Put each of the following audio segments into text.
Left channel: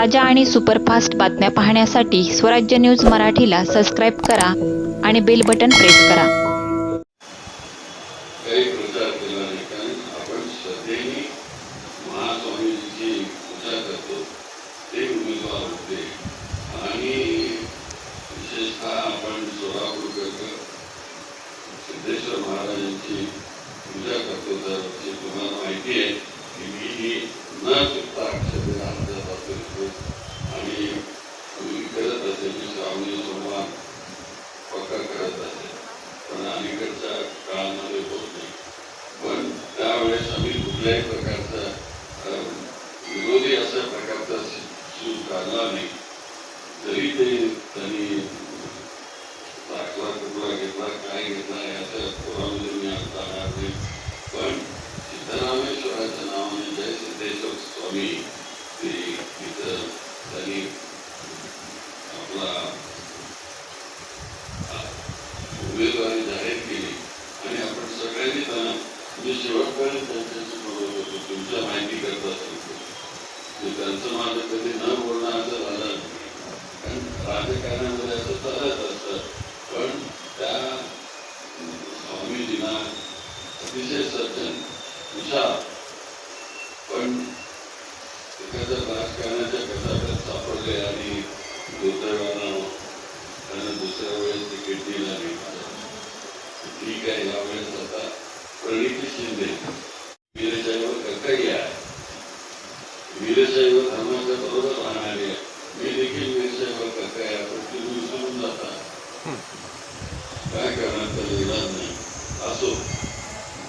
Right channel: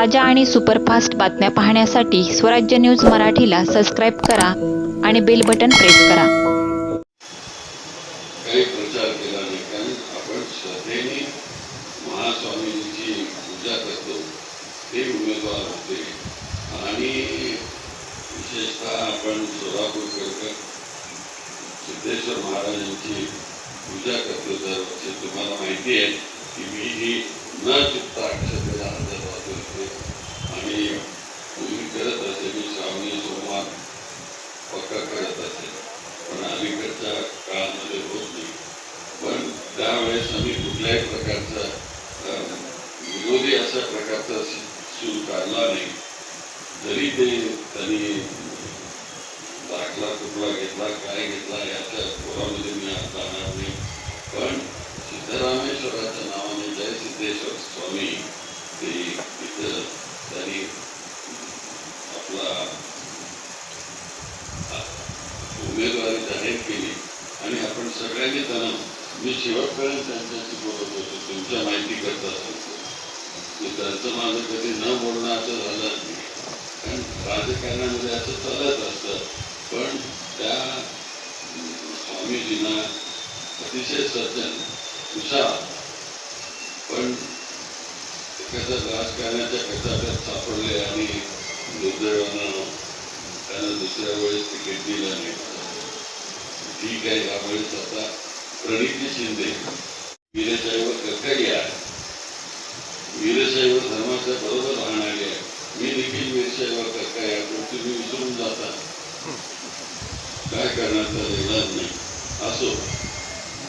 ताज्या आणि सुपरफास्ट बातम्या पाहण्यासाठी स्वराज्य न्यूज मराठीला सबस्क्राईब करा आणि बेल बटन प्रेस करा. पूजा करतो. महाराजांची पूजा करतो. तुम्हाला माहिती आहे की मी ही न चुकता अक्षतेला हजर राहतो इथे आणि पूर्वी करत असे मी श्रावणी सोमवार पक्का करत असे पण अलीकडच्या काळामध्ये होत नाही पण त्यावेळेस आम्ही कुठल्याही प्रकारचा अं, विरोधी अशा प्रकारचा सूर काढला नाही जरी ते त्यांनी दाखला कुठला घेतला काय घेतला याच्या पुरामध्ये मी आता राहणार नाही. पण सिद्धरामेश्वराच्या नावाने म्हणजे जय सिद्धेश्वर स्वामी. ते तिथं त्यांनी आपला उमेदवारी जाहीर केली. आणि आपण सगळ्यांनी त्यांना मी शेवटपर्यंत त्यांच्याशी बोलत होतो. तुमच्या माहिती करता सांगतो. मी त्यांचं माझं कधी न स्वामीजींना अतिशय सज्जन विशाल. पण एखाद्या राजकारणाच्या गटात सापडले आणि दुर्दैवानं त्यांना दुसऱ्या वेळेस तिकीट दिलं नाही. ठीक आहे यावेळेस आता प्रणिती शिंदे वीरशैव कक्कई आहे वीरशैव धर्माच्या बरोबर राहणारे आहे. मी देखील वीरशैव कक्कई आहे पण तुम्ही विसरून जाता काय करणार तर इलाज नाही असो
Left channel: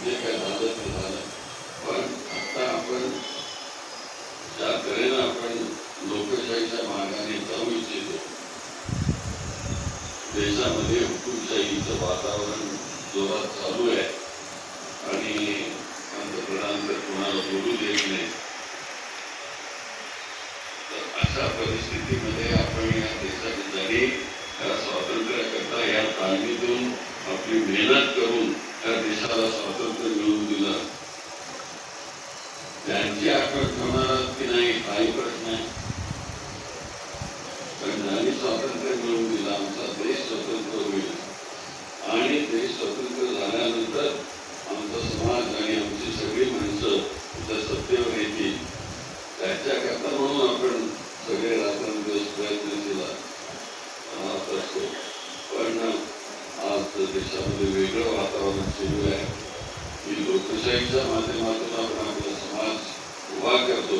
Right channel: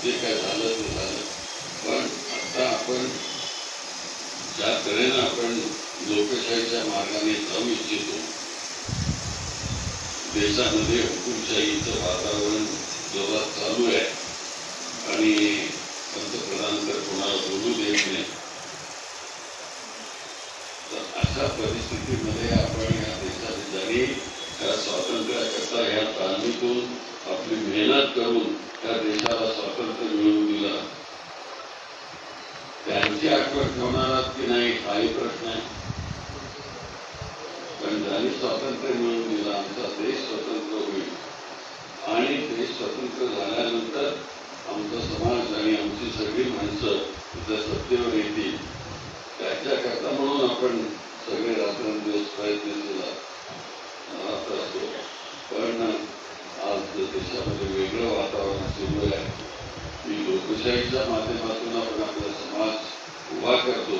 जे काय झालं ते झालं पण आता आपण ज्या तऱ्हेनं आपण लोकशाहीच्या मार्गाने जाऊ इच्छितो देशामध्ये हुकुमशाहीचं वातावरण संवाद चालू आहे आणि पंतप्रधान तर कोणाला बोलू देत नाही तर अशा परिस्थितीमध्ये आपण या देशात जरी या स्वातंत्र्याकरता या तालमीतून आपली मेहनत करून त्या देशाला स्वातंत्र्य मिळवून दिलं त्यांची आठवण होणार की नाही काही प्रश्न आहे पण ज्यांनी स्वातंत्र्य मिळवून दिलं. आमचा देश स्वतंत्र होईल. आणि ते स्वतंत्र झाल्यानंतर आमचा समाज आणि आमची सगळी माणसं त्या सत्तेवर येतील. त्याच्याकरता म्हणून आपण सगळे रात्रंदिवस प्रयत्न केला. राहत असतो पण आज देशामध्ये वेगळं वातावरण सुरू आहे. की लोकशाहीच्या माध्यमातून आपण आपला समाज उभा करतो.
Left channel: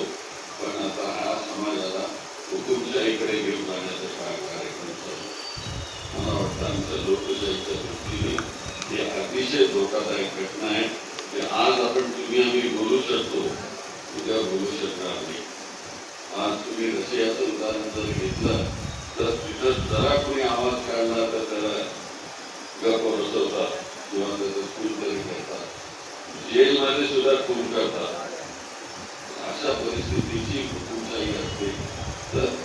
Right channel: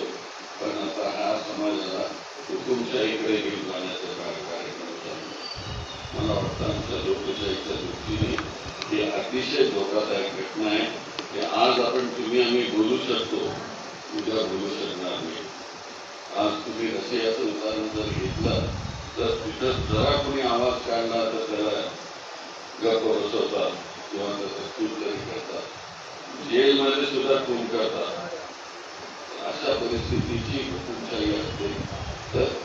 पण आता हा समाजाला हुकुमशाहीकडे गेलो जाण्याचा काय कार्यक्रम चालू आहे. मला वाटतं आमच्या लोकशाहीच्या दृष्टीने हे अतिशय धोकादायक घटना आहे. की आज आपण तुम्ही आम्ही बोलू शकतो. उद्या बोलू शकणार नाही. आज तुम्ही रशियाचं उदाहरण जर घेतलं तर तिथं जरा कोणी आवाज काढला तर त्याला गप्प बसवतात किंवा त्याचं खून तरी करतात. जेलमध्ये सुद्धा खून करतात. अशा परिस्थितीची हुकुमशाही असते. तर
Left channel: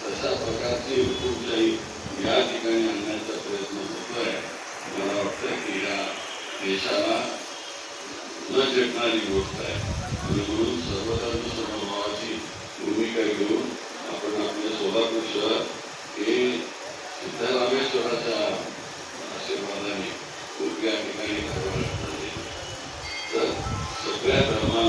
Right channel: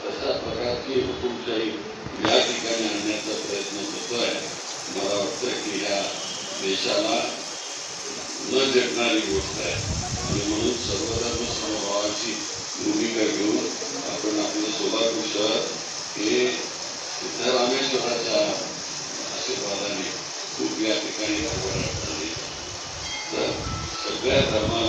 देशाला न जगणारी गोष्ट आहे आणि म्हणून सर्वधर्म समभावाची भूमिका घेऊन आपण आपलं सोलापूर शहर हे सिद्धरामेश्वराच्या आशीर्वादाने खूप या ठिकाणी राबवायला लागणार तर सगळ्या धर्मात